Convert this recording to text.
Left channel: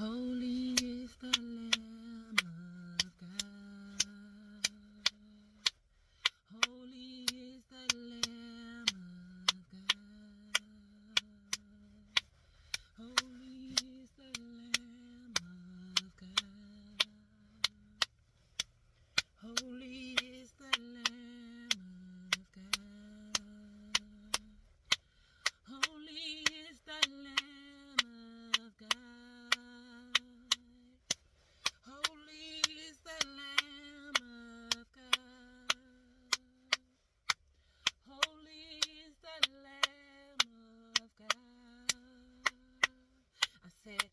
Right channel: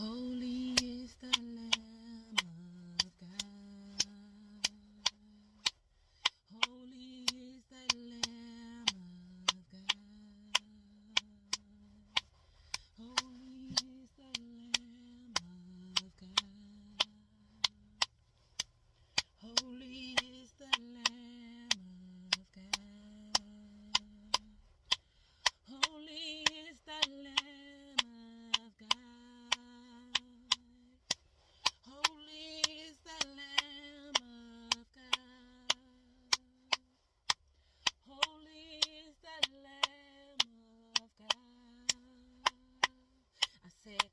Holy is the Lamb of God. Holy is the Lamb of God. Holy is the Lamb of God. Holy is the Lamb of God. Holy is the Lamb of God. Holy is the Lamb of God. Holy is the Lamb of God. I said,